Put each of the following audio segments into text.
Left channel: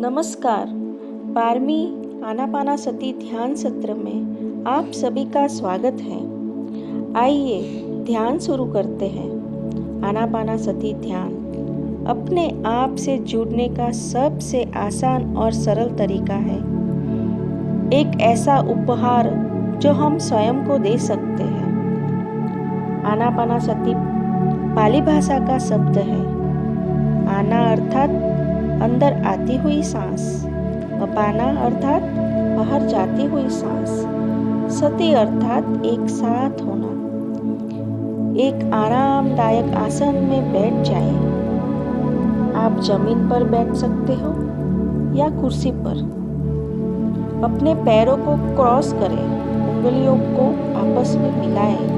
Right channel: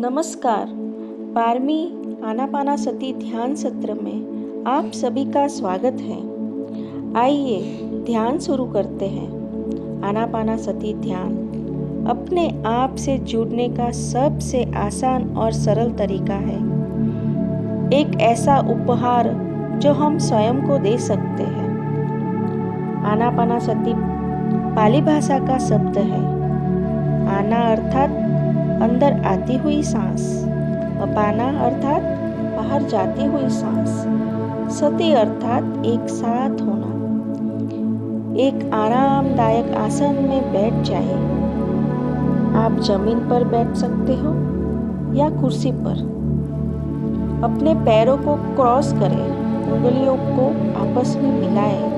नमस्कार। 12वीं आनापानासती ध्यान सत्र में आप सभी का स्वागत है। आइए ध्यान शुरू करते हैं। आनापानासती ध्यान अपने आप से जुड़ने का सबसे आसान और सरल तरीका है। एक ऐसा उपहार जो हम स्वयं को दे सकते हैं। आनापानासती पाली भाषा का शब्द है। आना अर्थात अंदर आती हुई सांस, अपाना अर्थात बाहर जाती हुई सांस, सती अर्थात एक साथ होना। एक आरामदायक आसन में बैठ जाएं। आप जमीन पर बैठ सकते हो या कुर्सी पर। अपने पैरों को क्रॉस करें, उंगलियों को आपस में मिलाएं।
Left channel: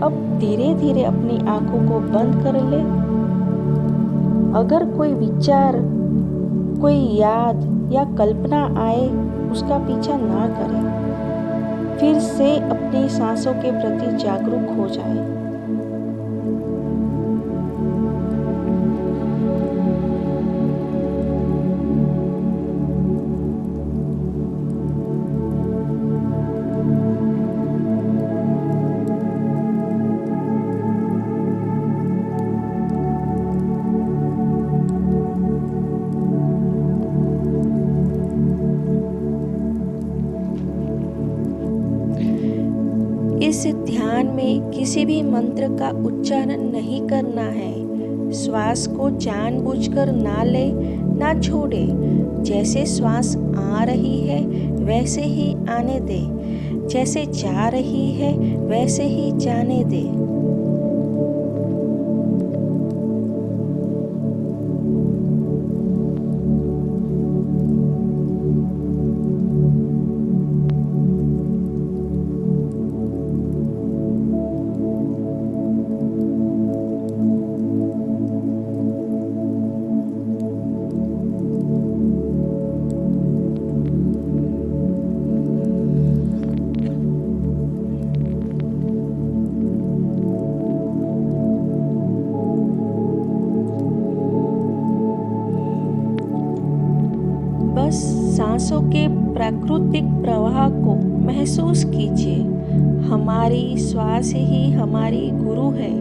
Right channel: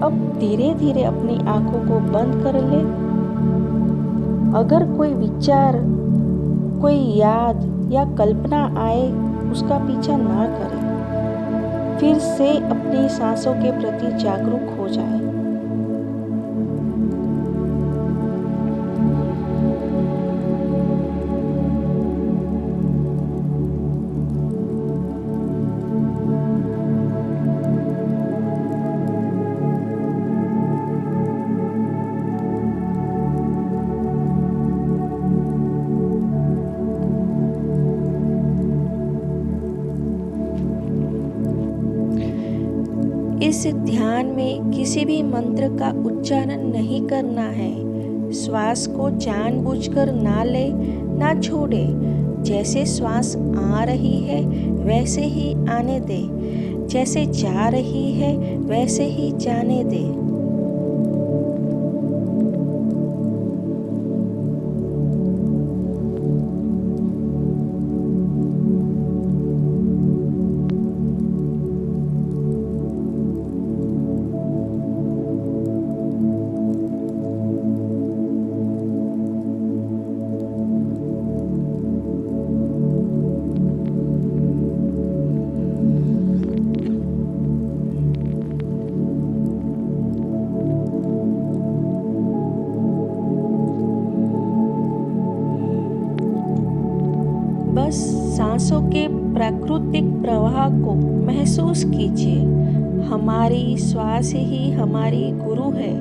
अब धीरे धीरे अपनी आंखों को बंद कर लें। अगर कोई विचार, कोई याद या कल्पना आए, उसका पीछा ना करें। फिर से अपनी सांसों के प्रति जागरूक हो जाएं। इस ध्यान में किसी भी मंत्र का उच्चारण नहीं करना है। श्वास को जानबूझकर ना ले, ना छोड़े। जैसे श्वास आ रही है वैसे ही आने दे, जैसे जा रही है वैसे ही जाने दे। बस सांसों के प्राकृतिक प्रवाह को महसूस कीजिए। हमारी श्वास ही हमारी गुरु है।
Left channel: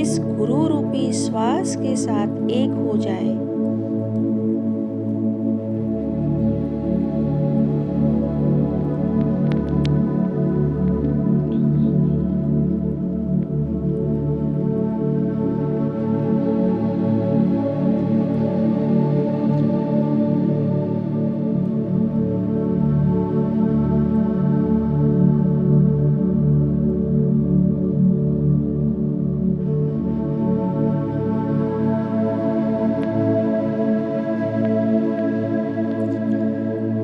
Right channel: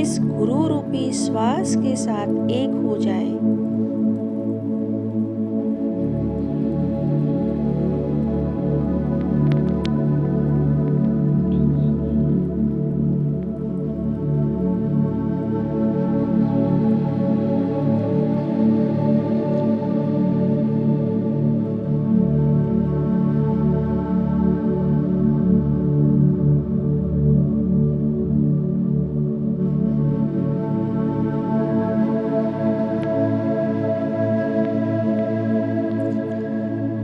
इस गुरु रूपी श्वास के साथ एक हो जाए।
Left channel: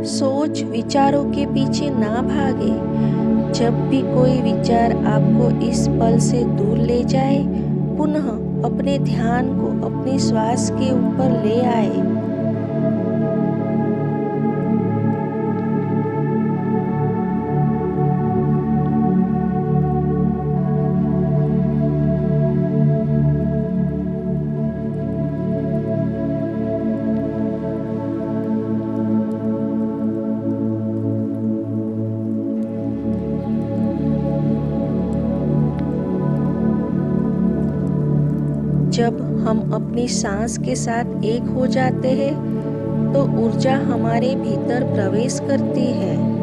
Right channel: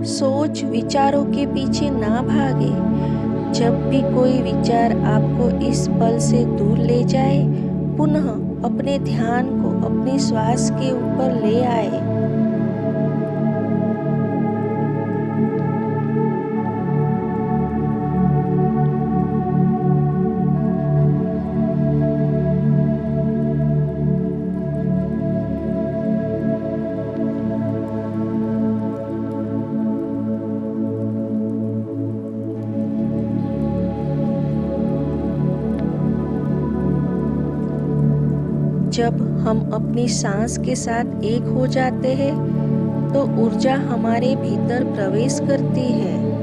सोच विचारों के पीछे ना भागे। जब भी कोई विचार आपको इस पल से दूर ले जाए, पुनः अपने ध्यान को अपनी श्वास के ऊपर ले आए। जब हम अपनी सांस के साथ एक हो जाते हैं, तो ऊर्जा हमारे भीतर प्रवेश करती है।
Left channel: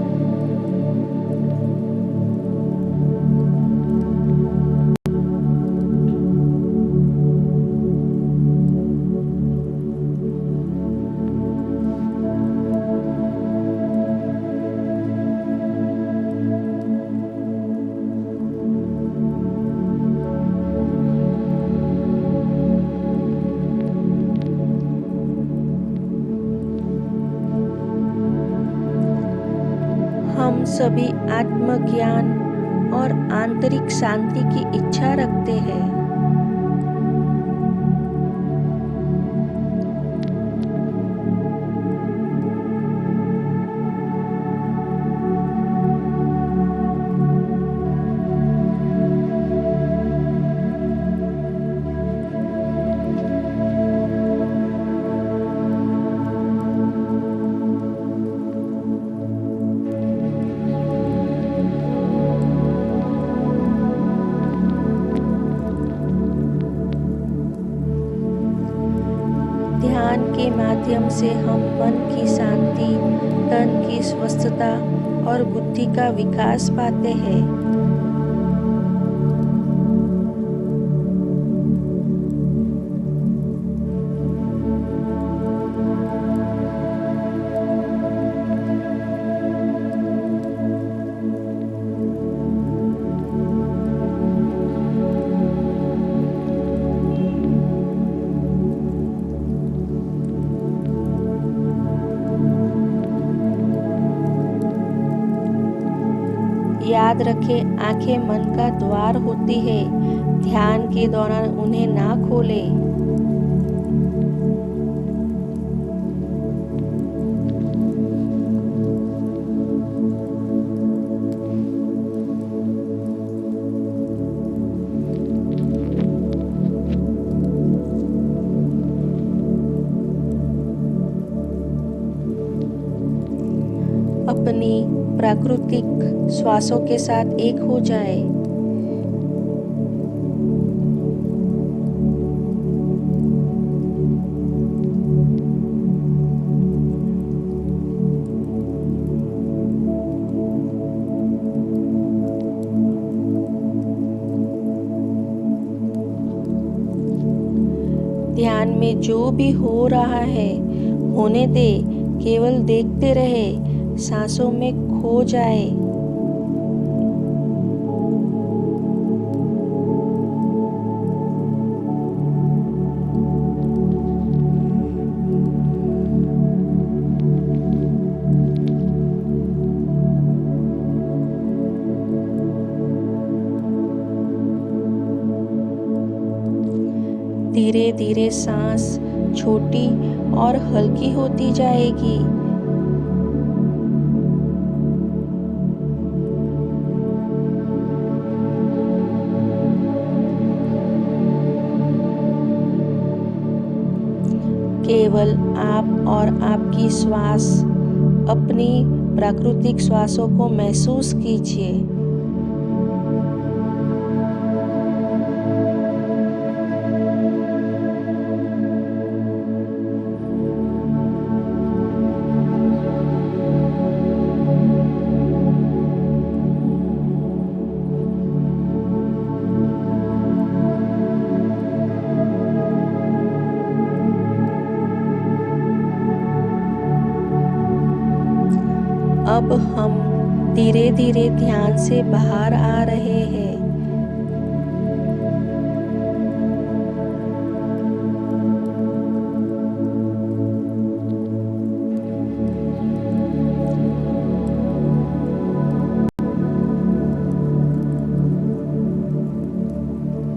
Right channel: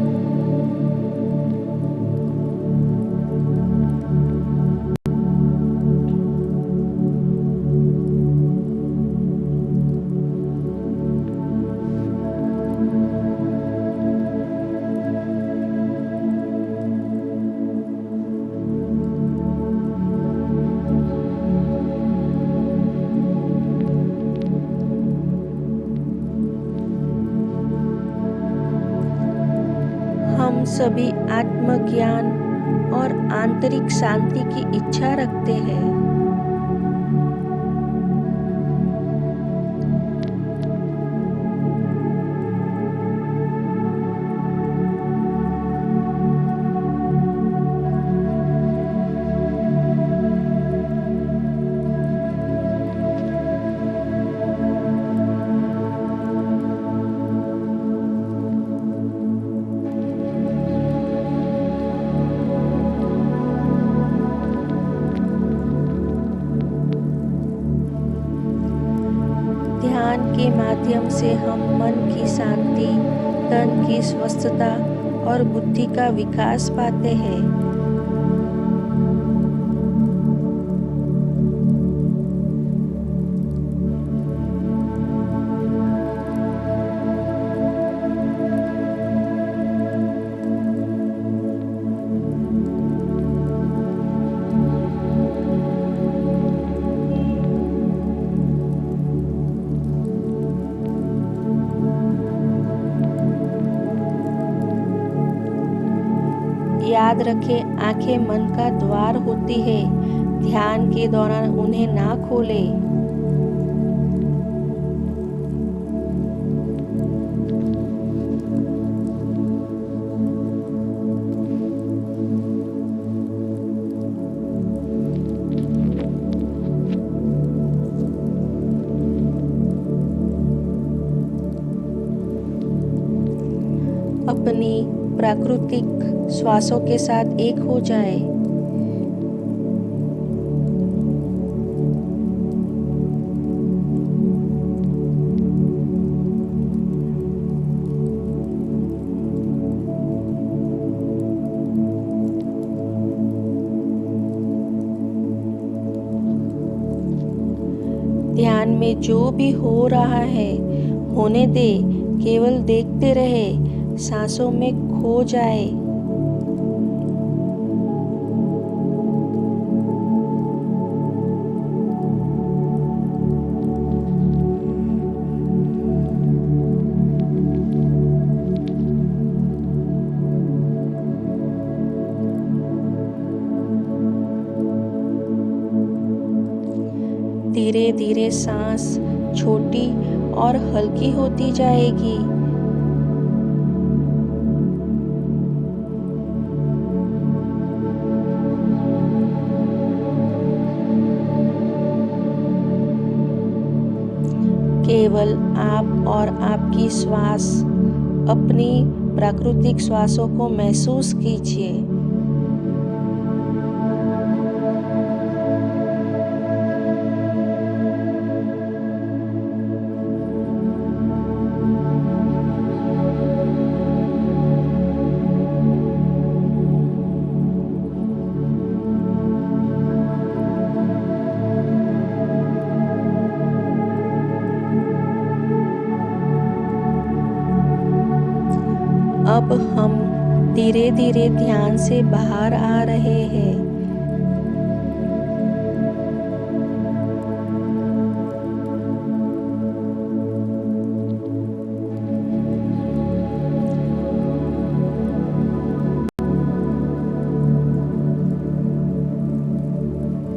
हम सभी आत्मज्ञान और आंतरिक शांति की इच्छा रखते हैं। ध्यान के माध्यम से हम मन की शांति, तन की स्वस्थता और बुद्धि का विकास पाते हैं। याद रखें, आंखें मन का द्वार होती है। ध्यान के दौरान उन्हें ना खोलें। अपनी प्राकृतिक श्वासों के साथ एक हो जाए। ध्यान में जो भी हो रहा है होने दे, केवल देखते रहे, सांसों में खो जाए। धीरे धीरे सांस छोटी और हल्की होती जाएगी। केवल आप और आपकी श्वास, अपनी प्राकृतिक श्वासों को महसूस कीजिए। अब हम धीरे धीरे ध्यान से बाहर आ रहे हैं।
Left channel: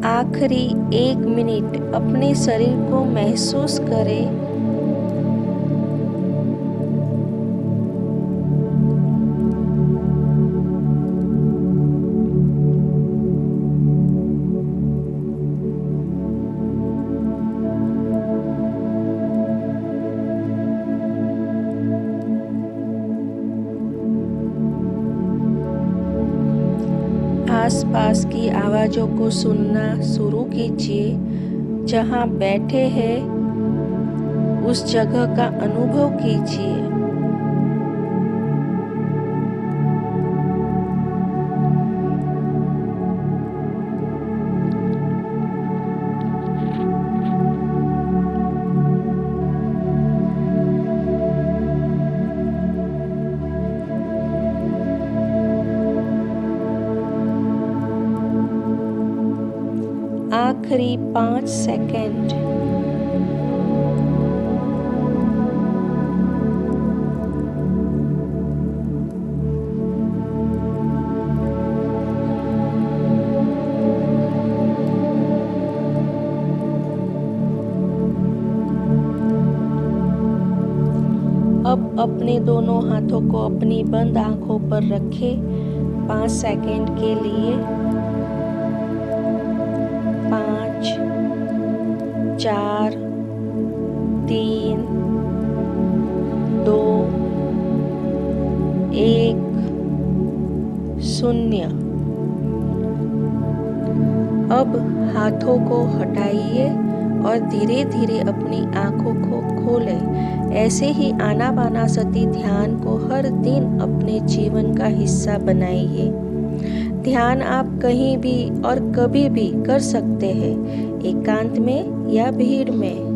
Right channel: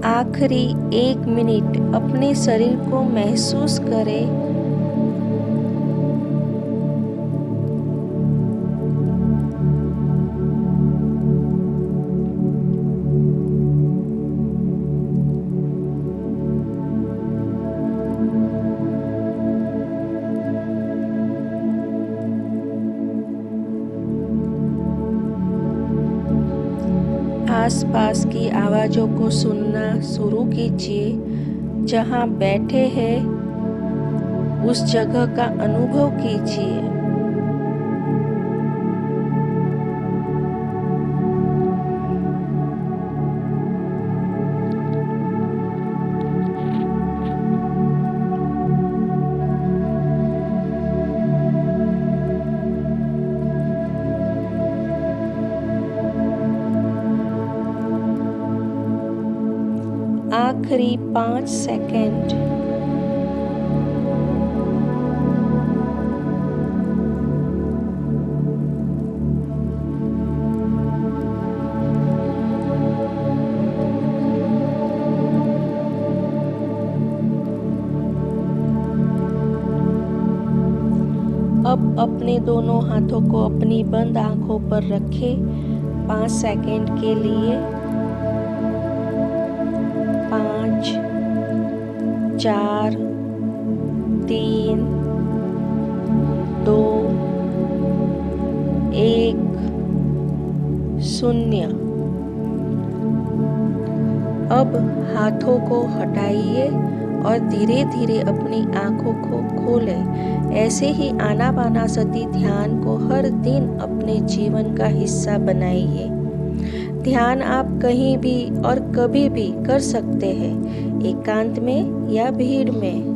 आखिरी 1 मिनट अपने शरीर को महसूस करें। आसपास की आवाज़ों को सुनना शुरू कीजिए। जहाँ बैठे हैं उस जगह का अनुभव कीजिए। आखिरी 5 सेकंड। अब अपने दोनों हाथों को अपनी बंद आंखों पर रखें 5 सेकंड के लिए। 5, 4, 3, 2, 1, 0। अब हाथों को हटाइए और धीरे धीरे अपनी आँखों को खोलें। ऐसे ही आनापानासती ध्यान को हर दिन अपने जीवन का हिस्सा बनाइए। ध्यान आप कहीं भी और कभी भी कर सकते हैं, एकांत में या भीड़ में।